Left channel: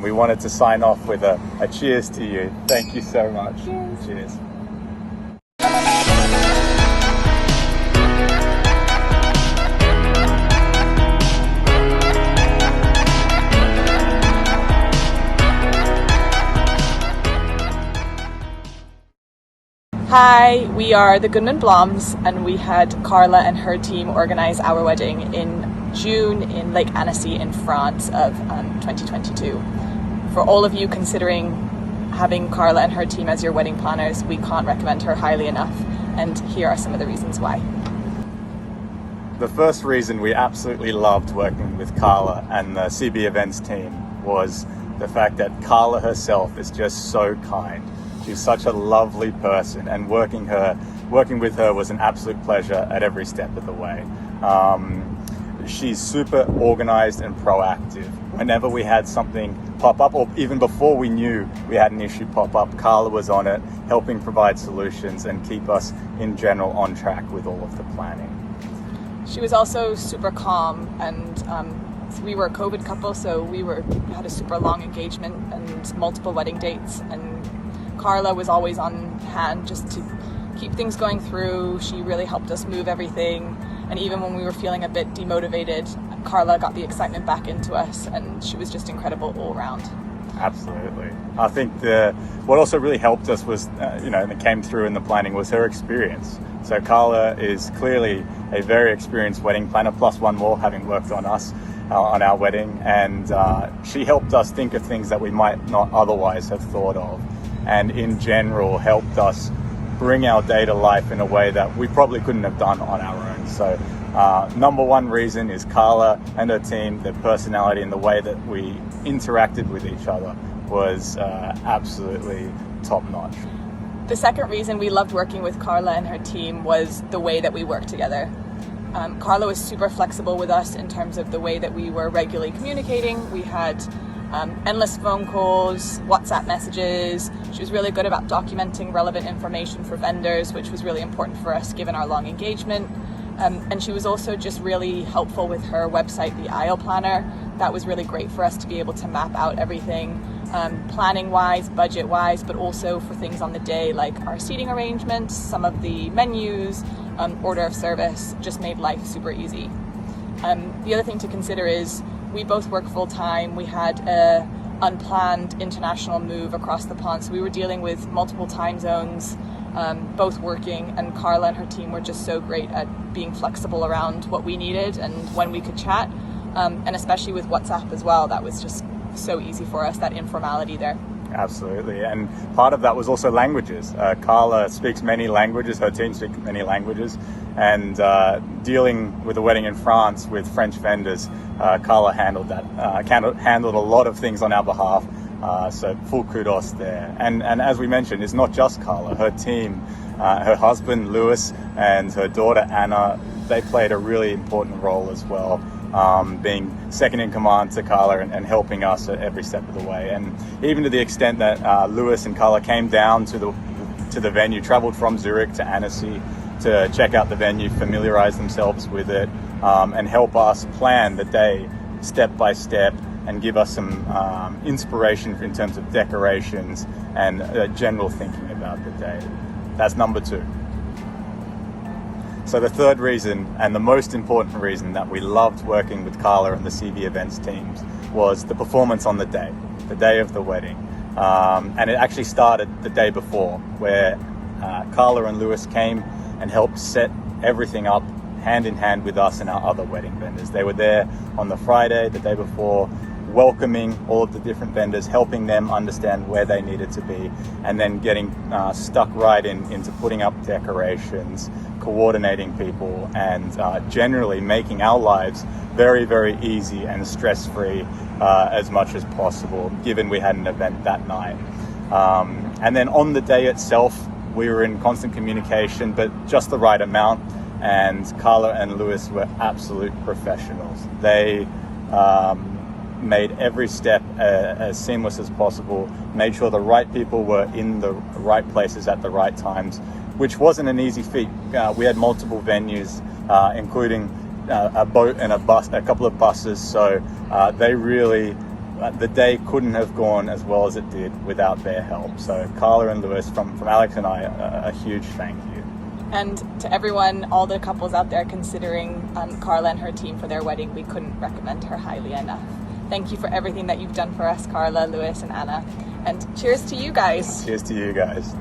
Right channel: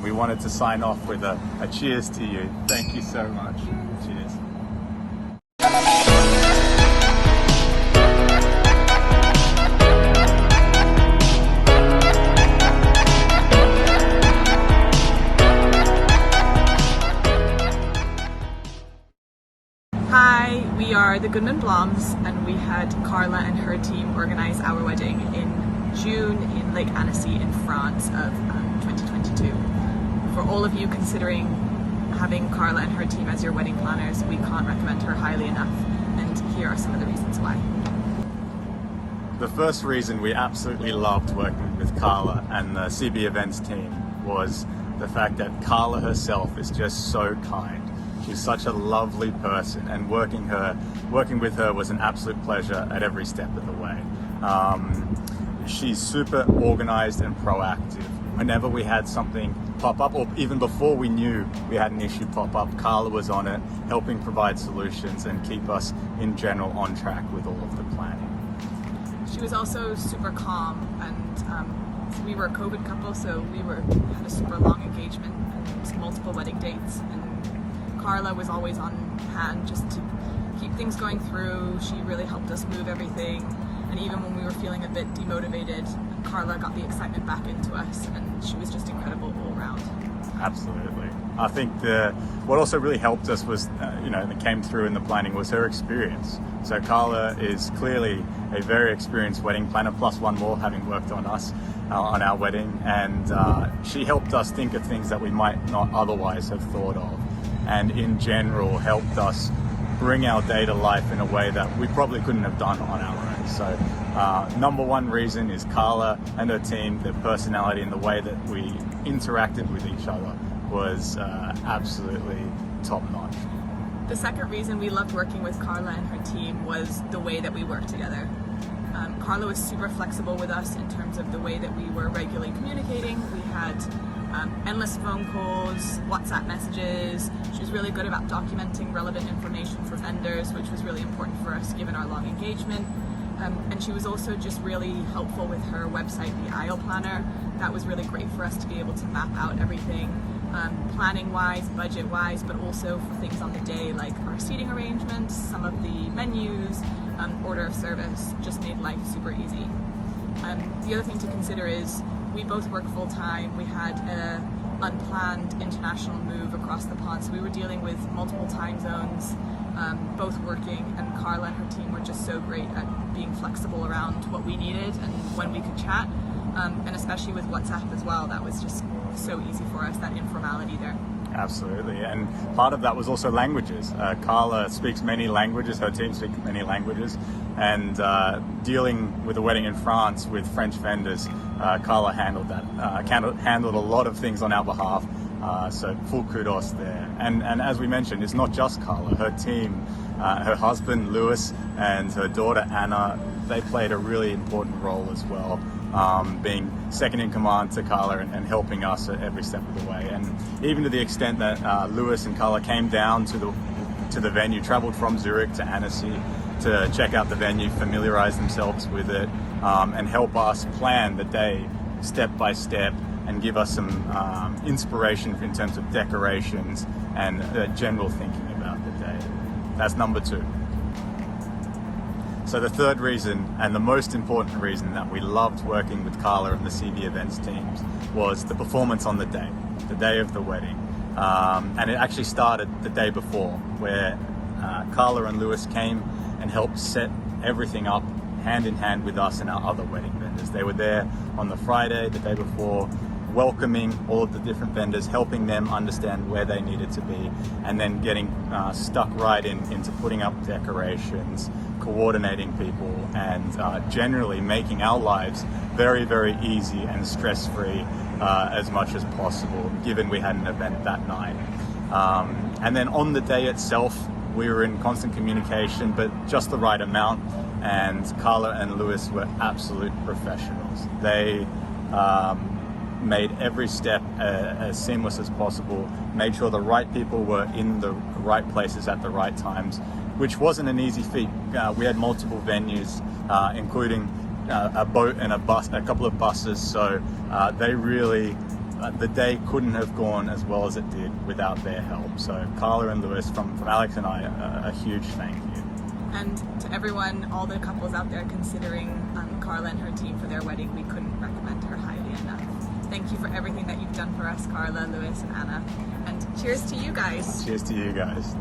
And we wanted to sign off with a cheers to you. Thank you so much. Cheers. Hi, we are the Goodman Bloms, and we had Carla and her team organise our wedding in June in Lake Annecy in France of 2022. For all of you considering having Carla and her team as your wedding planners, we can't recommend her highly enough, and here are some of the reasons why. The first reason we absolutely loved working with Carla and the CB Events team was the fact that Carla herself is just so kind. She's such a lovely person, and working with her was an absolute pleasure at every step of the way. She's super organized and proactive. Whenever we had something pop up, or even before we knew we had an issue pop up, Carla was on it, helping provide solutions and keep us in general on track with all of the planning. She was also super calm, and we were a COVID couple, so we had a super long engagement and multiple wedding dates, and Carla was always on hand just to keep things going through. She really helped us move everything, and even when we were feeling a bit demotivated, Carla got the excitement back into us, and she was just incredible all around. Absolutely. I think what also really helped us was, that came through in the planning was her experience. So Carla is clearly a very experienced wedding planner, plus one more, having worked on us on our wedding, and she helped us think of things that we might not otherwise have thought of, and in general helped us bring our day to life in a way that we probably couldn't have done on our own. So number one reason is Carla and her team, their personality and the way that we interacted with each other was absolutely top notch. The second reason we loved working with Carla and her team was the way that we worked together. Carla was super flexible with us in terms of the way that we were regularly communicating. We had endless phone calls, WhatsApp messages. She was really good about documenting relevant information for vendors, which was really important for us given our long engagement. And she was also just really helpful with her website, the Aisle Planner. That was really great for us to be able to map out everything, planning-wise, budget-wise, but also for things on the day like our seating arrangements, some of the menus, order of service, just made life super easy. The other thing to consider is we both work full-time. We had a unplanned international move across the pond, so we were dealing with multiple time zones, both working, and Carla and her team were just so great at being flexible around what we needed and when we could chat, and especially with WhatsApp as well. That was just so easy for us, that informality there. Absolutely, and part of that was also languages. Carla speaks many languages, her team speaks many languages, and dealing with a wedding in France with French vendors, Carla handled that, handled a lot of things on our behalf, so full kudos there. And as we mentioned, it's not just Carla, her team, her husband Lewis and her daughter Anna, they played a really important role as well, being second in command to Carla and helping us at every step of the way. And even to the extent that Lewis and Carla came down to the venue, traveled from Zurich to Annecy to check out the venue, familiarize themselves with it, and help us plan the day step by step and give us some inspiration in terms of decorations and general thinking about the day. That's number two. So the third reason, and the most important reason that we loved working with Carla and the CB Events teams, was the performance on the day of the wedding. And it actually started the day before, where Carla and Lewis came and helped set everything up hand in hand with us and our other wedding vendors. They were there on the Friday, the day before, welcoming all of the different vendors, helping them understand where they needed to be, and then getting stuck right into putting up decorations, coordinating people, and generally making our lives very, very easy and stress-free as much as possible, given we had an event that night. And then on the day itself, we were in constant communication, but just the right amount, and Carla and Lewis were absolute professionals. They made every step as seamless as possible, made sure the right people were in the right places at the right times, which wasn't an easy feat. We had multiple venues, including a boat and a couple of buses, so they really the day couldn't have gone as well as it did without their help. So Carla and Lewis, from Alex and I, a huge thank you. And to everyone, all the couples out there considering Carla and her team for their wedding, we couldn't recommend her highly enough. Thank you for everything that you've done for us, Carla, Lewis, and Anna. And cheers to you guys. Cheers to you guys.